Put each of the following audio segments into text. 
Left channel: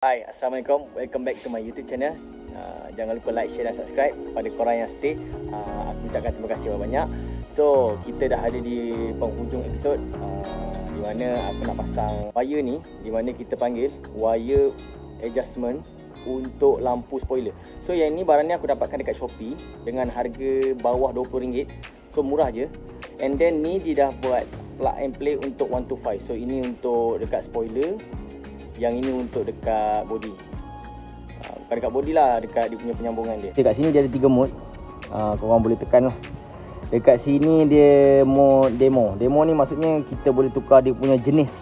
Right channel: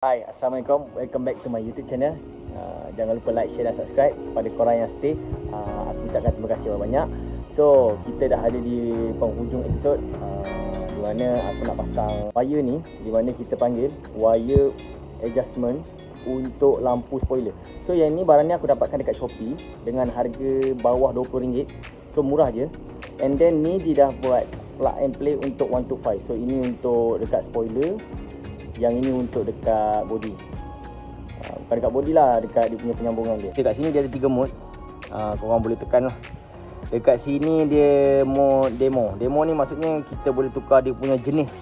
Hai, Assalamualaikum. Welcome back to my YouTube channel. Jangan lupa like, share dan subscribe. Kepada korang yang stay, aku ucapkan terima kasih banyak. So, kita dah ada di penghujung episod di mana aku nak pasang wire ni, di mana kita panggil wire adjustment untuk lampu spoiler. So, yang ni barang ni aku dapatkan dekat Shopee dengan harga bawah RM20. So, murah je. And then ni dia dah buat plug and play untuk 125. So, ini untuk dekat spoiler. Yang ini untuk dekat body. Bukan dekat body lah, dekat dia punya penyambungan dia. Dekat sini dia ada 3 mode. Korang boleh tekan lah. Dekat sini dia mode demo. Demo ni maksudnya kita boleh tukar dia punya jenis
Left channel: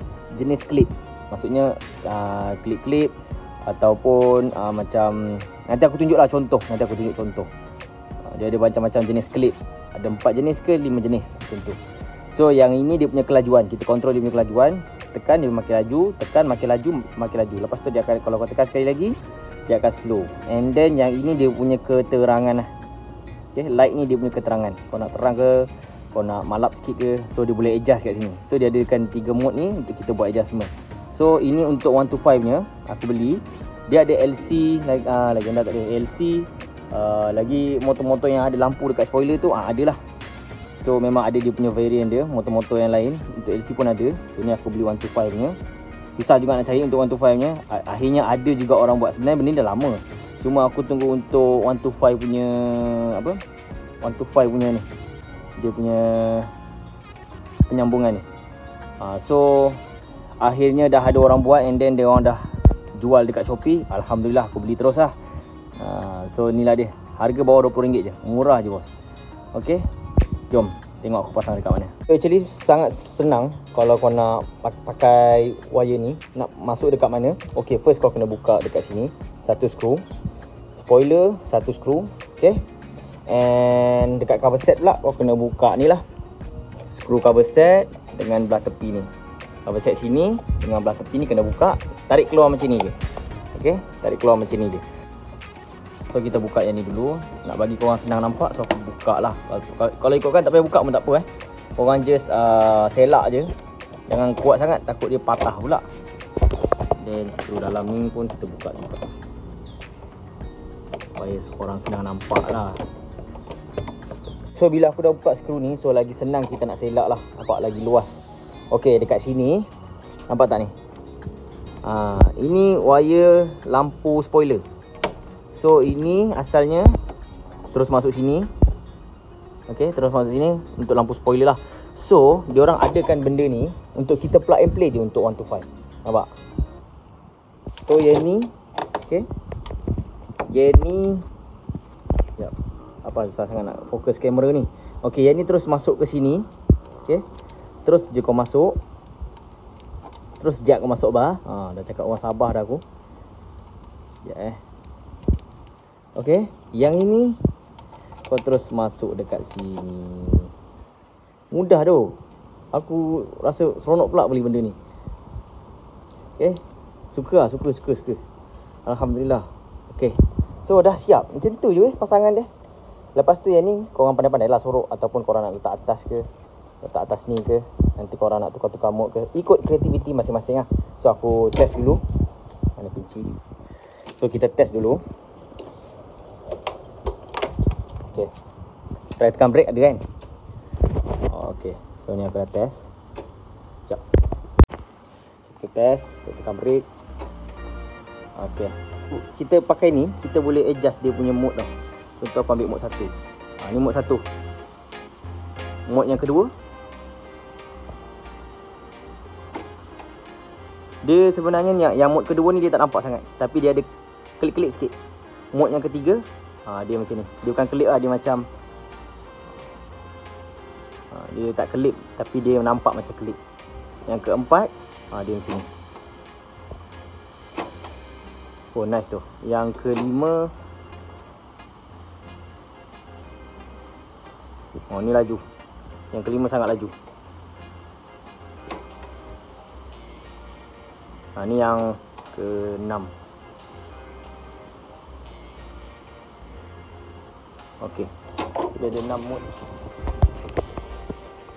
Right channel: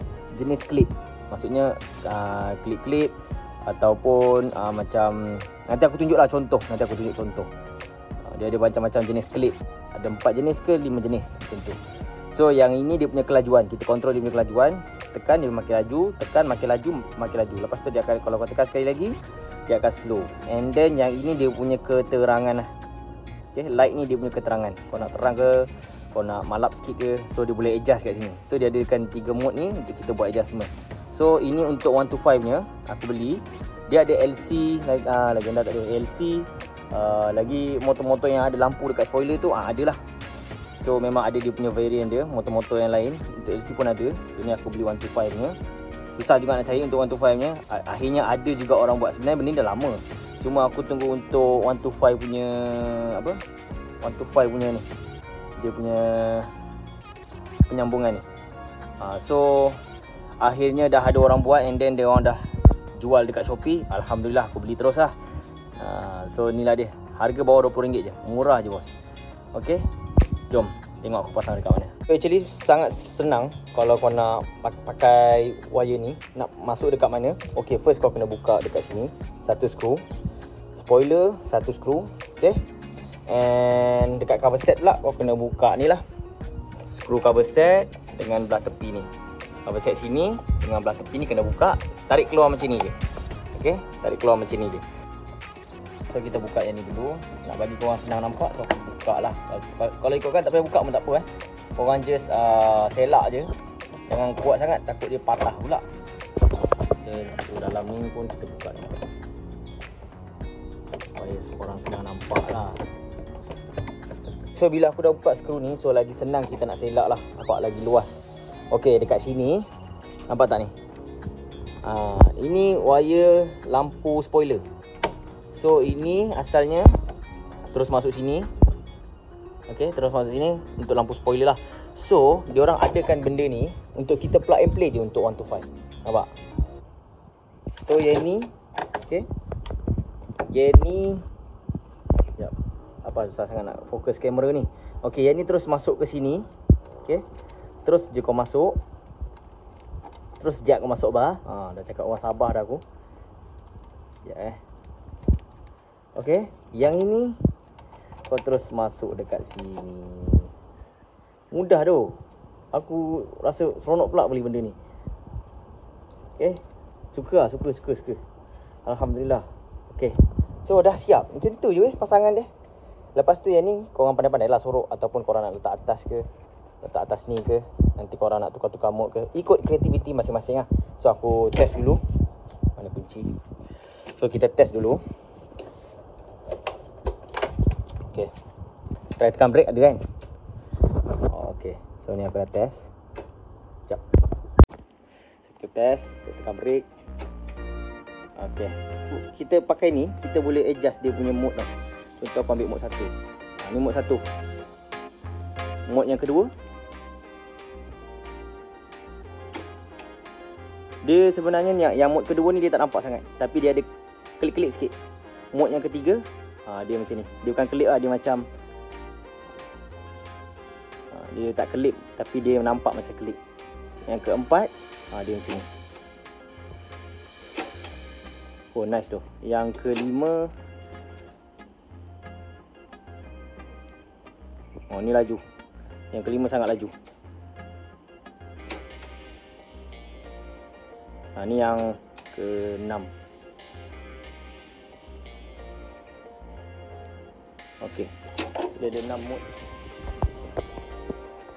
klip. Maksudnya klip-klip ataupun macam, nanti aku tunjuk lah contoh. Dia ada macam-macam jenis klip. Ada 4 jenis ke 5 jenis macam tu. So yang ini dia punya kelajuan. Kita kontrol dia punya kelajuan. Tekan dia makin laju, tekan makin laju. Lepas tu dia akan, kalau kau tekan sekali lagi, dia akan slow. And then yang ini dia punya keterangan lah. Okay, light ni dia punya keterangan. Kau nak terang ke, kau nak malap sikit ke, so dia boleh adjust kat sini. So dia adakan 3 mode ni untuk kita buat adjustment. So ini untuk 125 nya aku beli. Dia ada LC, legenda tak ada LC. Lagi motor-motor yang ada lampu dekat spoiler tu ada lah. So memang ada dia punya variant dia, motor-motor yang lain. Untuk LC pun ada. So ni aku beli 125 nya. Susah juga nak cari untuk 125 nya. Akhirnya ada juga orang buat. Sebenarnya benda ni dah lama. Cuma aku tunggu untuk 125 punya 125 punya ni. Dia punya penyambungan ni. So akhirnya dah ada orang buat, and then dia orang dah jual dekat Shopee. Alhamdulillah aku beli terus lah. So inilah dia. Harga bawah RM20 je. Murah je bos. Okay, jom tengok aku pasang dekat mana. Actually sangat senang kalau kau nak pakai wire ni. Nak masuk dekat mana? Okay, first kau kena buka dekat sini. Satu skru. Spoiler, satu skru. Okay. And dekat cover set pula kau kena buka ni lah. Skru cover set dengan belah tepi ni. Cover set sini dengan belah tepi ni kena buka. Tarik keluar macam ni je. Okay, tarik keluar macam ni je. So kita buka yang ni dulu. Nak bagi korang senang nampak, so aku buka lah. Kalau ikutkan tak payah buka pun tak apa Korang just selak je. Jangan kuat sangat, takut dia patah pula. Dan skru dalam ni pun kita buka juga, supaya korang senang nampak lah. So bila aku dah buka skru ni, so lagi senang kita nak selak lah. Nampak lagi luas. Okay, dekat sini nampak tak ni? Ini wire lampu spoiler. So ini asalnya terus masuk sini. Okay, terus masuk sini untuk lampu spoiler lah. So diorang adakan benda ni untuk kita plug and play je untuk 125. Nampak? So yang ni, okay, yang ni, sekejap, apa susah sangat nak fokus kamera ni. Okay, yang ni terus masuk ke sini. Okay, terus je kau masuk. Terus sekejap kau masuk bah. Dah cakap orang sabar dah aku. Sekejap Okay, yang ini kau terus masuk dekat sini. Mudah tu. Aku rasa seronok pula beli benda ni. Okay, suka. Alhamdulillah. Okay, so dah siap. Macam tu je pasangan dia. Lepas tu yang ni korang pandai-pandai lah sorok. Ataupun korang nak letak atas ke, letak atas ni ke. Nanti korang nak tukar-tukar mode ke, ikut kreativiti masing-masing lah. So aku test dulu. Mana kunci? So kita test dulu. Okay, try tekan brake ada kan? Okay, so ni aku dah test. Sekejap, kita test, kita tekan brake. Okay, kita pakai ni, kita boleh adjust dia punya mode tau. Contoh aku ambil mode 1. Ni mode 1. Mode yang kedua, dia sebenarnya yang mode kedua ni dia tak nampak sangat, tapi dia ada kelip-kelip sikit. Mode yang ketiga, dia macam ni. Dia bukan kelip lah, dia macam dia tak kelip, tapi dia nampak macam kelip. Yang keempat, dia macam ni. Oh nice tu. Yang kelima, ni laju. Yang kelima sangat laju. Ni yang keenam. Okay, dia ada 6 mode.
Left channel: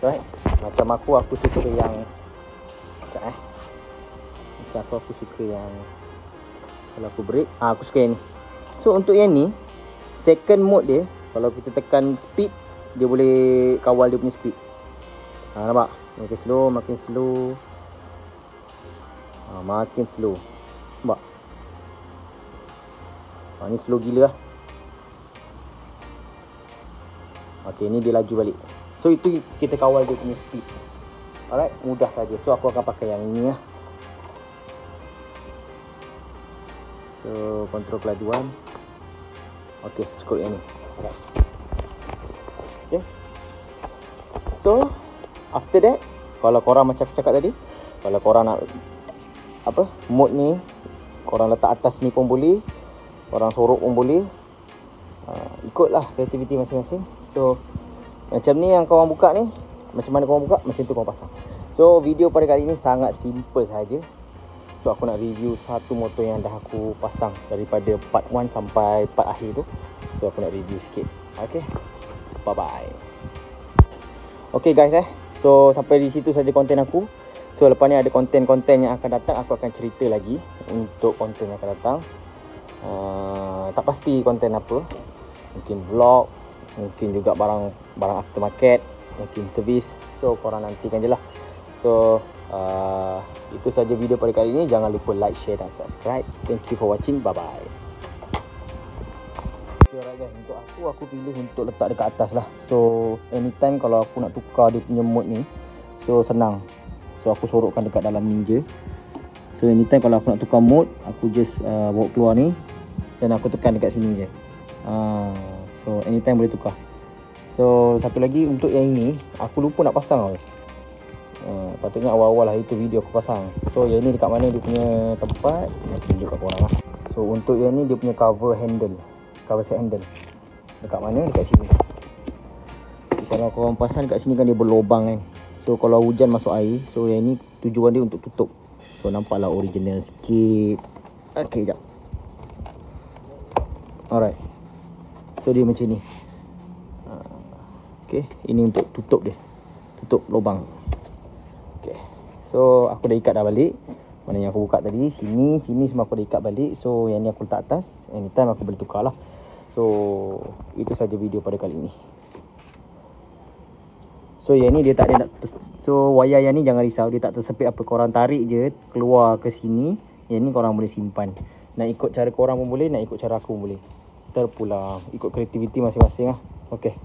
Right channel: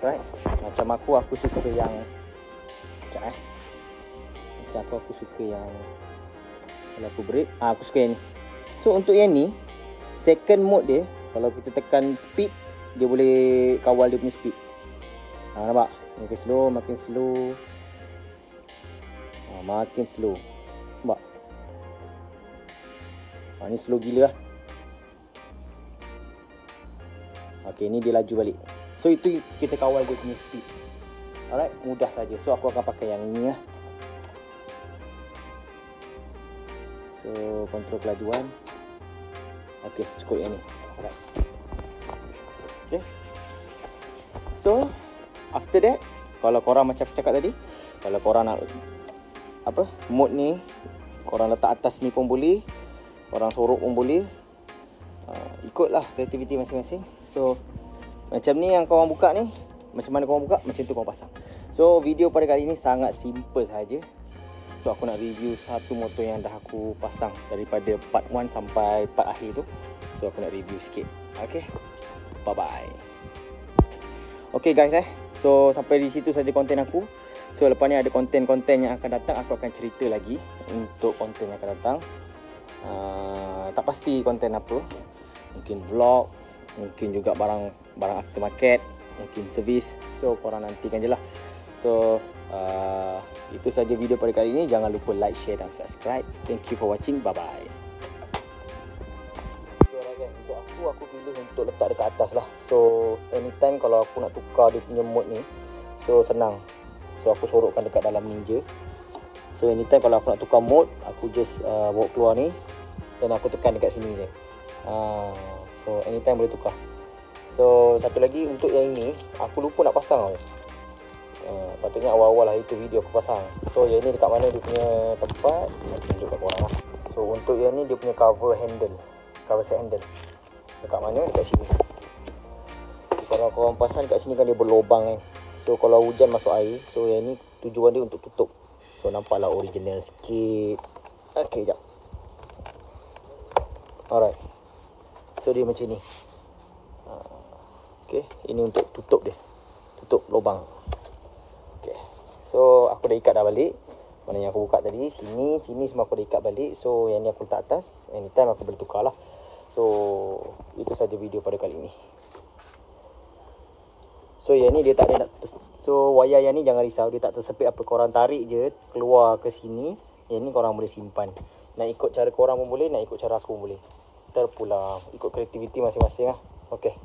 Right, macam aku suka yang Macam aku suka yang Kalau aku break, aku suka yang ni. So untuk yang ni, second mode dia, kalau kita tekan speed, dia boleh kawal dia punya speed. Nampak? Makin slow, makin slow. Makin slow. Nampak? Ni slow gila lah. Okay, ni dia laju balik. So itu kita kawal dia punya speed. Alright, mudah saja. So aku akan pakai yang ni lah. So kontrol kelajuan. Okay, cukup yang ni. Alright. Okay. So after that, kalau korang macam aku cakap tadi, kalau korang nak mode ni, korang letak atas ni pun boleh, korang sorok pun boleh. Ikutlah kreativiti masing-masing. So macam ni yang korang buka ni, macam mana korang buka, macam tu korang pasang. So video pada kali ni sangat simple saja. So aku nak review satu motor yang dah aku pasang daripada part 1 sampai part akhir tu. So aku nak review sikit. Okay, bye bye. Okay guys, so sampai di situ saja konten aku. So lepas ni ada konten-konten yang akan datang, aku akan cerita lagi untuk konten yang akan datang. Tak pasti konten apa, mungkin vlog, mungkin juga barang aftermarket, mungkin servis. So korang nantikan je lah. So itu saja video pada kali ini. Jangan lupa like, share dan subscribe. Thank you for watching. Bye bye. Aku pilih untuk letak dekat atas lah. So anytime kalau aku nak tukar dia punya mode ni, so senang. So aku sorokkan dekat dalam Ninja. So anytime kalau aku nak tukar mode, aku just bawa keluar ni dan aku tekan dekat sini je. So anytime boleh tukar. So satu lagi untuk yang ini, aku lupa nak pasang. Patutnya awal-awal lah itu video aku pasang. So yang ni dekat mana dia punya tempat, aku tunjuk kat korang lah. So untuk yang ni dia punya cover set handle dekat mana? Dekat sini. Kalau korang pasang kat sini kan dia berlubang kan. So kalau hujan masuk air, so yang ni tujuan dia untuk tutup. So nampaklah original sikit. Okay, sekejap. Alright. So dia macam ni. Okay, ini untuk tutup dia. Tutup lubang. Okay. So aku dah ikat dah balik. Mana yang aku buka tadi, sini semua aku dah ikat balik. So yang ni aku letak atas. Anytime aku boleh tukar lah. So itu saja video pada kali ni. So yang ni dia tak ada, so wayar yang ni jangan risau, dia tak tersepit apa. Korang tarik je keluar ke sini. Yang ni korang boleh simpan. Nak ikut cara korang pun boleh, nak ikut cara aku pun boleh. Terpulang ikut kreativiti masing-masing lah. Okay.